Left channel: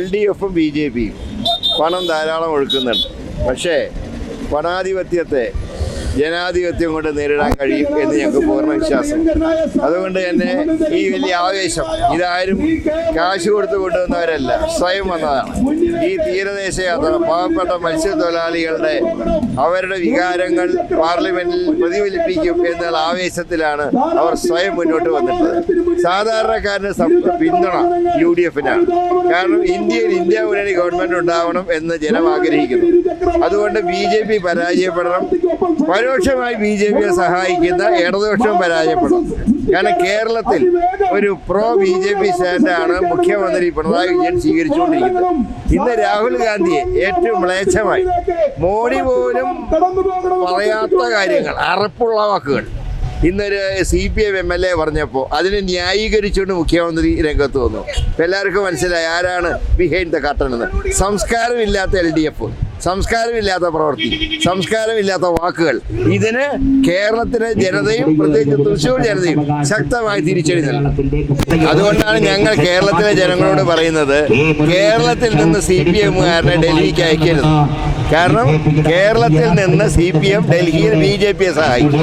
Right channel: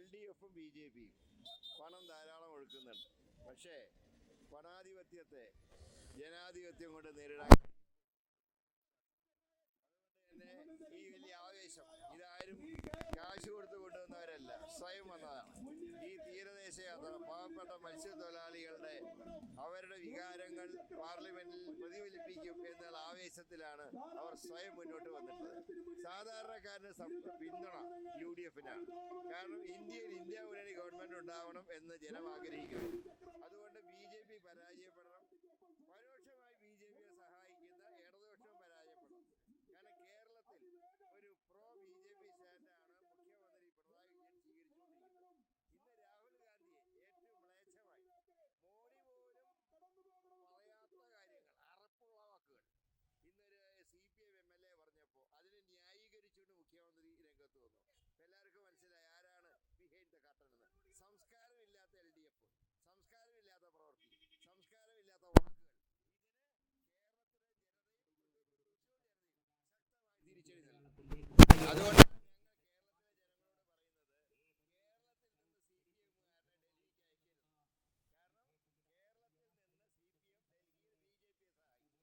LDFും BJPയും പണം ധാരാളം ഒഴുക്കുന്നുണ്ട്. പക്ഷേ പണാധിപത്യത്തെ ജനാധിപത്യം കൊണ്ട് നേരിടാൻ കഴിയും എന്ന് ഞങ്ങൾക്ക് പൂർണ്ണ വിശ്വാസം. അതുകൊണ്ട് തന്നെ ഈ വലിയ ആവേശം ഇതാരും കാശ് കൊടുത്തു കൊണ്ടുവന്നവരല്ല, സ്വയം വന്നതാണ്. ഈ തീരദേശ യാത്ര പാവപ്പെട്ട മത്സ്യത്തൊഴിലാളികളുടെ അവരുടെ വികാരങ്ങൾ പാർലമെന്റിൽ പ്രതിഫലിപ്പിക്കും എന്നുള്ള ആവേശത്തിലാണ് അവർ സ്വയം മുന്നോട്ട് വന്നിട്ടുള്ളത്. സാധാരണക്കാരന് പിന്തുണ UDFനാണ്. കാരണം ഇന്ത്യയിൽ ഇന്ത്യ മുന്നണി ഗവൺമെന്റ് ഉണ്ടാവണം എന്ന് ജനം ആഗ്രഹിക്കുന്നു. അതുകൊണ്ട് BJP പരാജയപ്പെടണം. പരോക്ഷമായി BJPയെ സഹായിക്കുന്ന ഇടതുപക്ഷം പരാജയപ്പെടണം. കാരണം കേരളത്തിൽ ഒരു BJP സ്റ്റാൻഡാണ് മുഖ്യമന്ത്രി പിണറായി വിജയൻ സ്വീകരിച്ചുകൊണ്ടിരിക്കുന്നത്. ഇന്ന് രാഹുൽ ഗാന്ധിയെ ഏറ്റവും മ്ലേച്ഛമായി മോഡി പോലും പറയാത്ത കാര്യങ്ങൾ, അറപ്പുള്ള വാക്കുകൾ ഇന്നൊരു CPM MLA പറഞ്ഞപ്പോൾ അതിനെ ന്യായീകരിച്ചുകൊണ്ട് മുഖ്യമന്ത്രി രംഗത്ത് വന്നു. എല്ലാവർക്കും മനസ്സിലായി ആരാണ് ബിഹൈൻഡ് ദ കർട്ടൻ എന്ന്. സംസ്കാരമില്ലാത്ത LDF, സംസ്കാരമില്ലാത്ത പ്രവൃത്തി, സംസ്കാരമില്ലാത്ത വാക്കുകൾ, ഇതിന് കേരളത്തിലെ ജനതയും പ്രത്യേകിച്ച് തൃശ്ശൂർ ജനതയും ശക്തമായി തിരിച്ചടി നൽകും. അതുകൊണ്ടാണ് ഞങ്ങൾ കേരളത്തിലെ ജനങ്ങളോട് പറയുന്നത്, കേരളത്തിൽ നിന്ന് CPMകാരനെ ഡൽഹിക്ക് അയക്കരുത്. കാരണം കേരളത്തിൽ നിന്ന് CPM ഡൽഹിയിൽ BJPയെ സഹായിക്കും.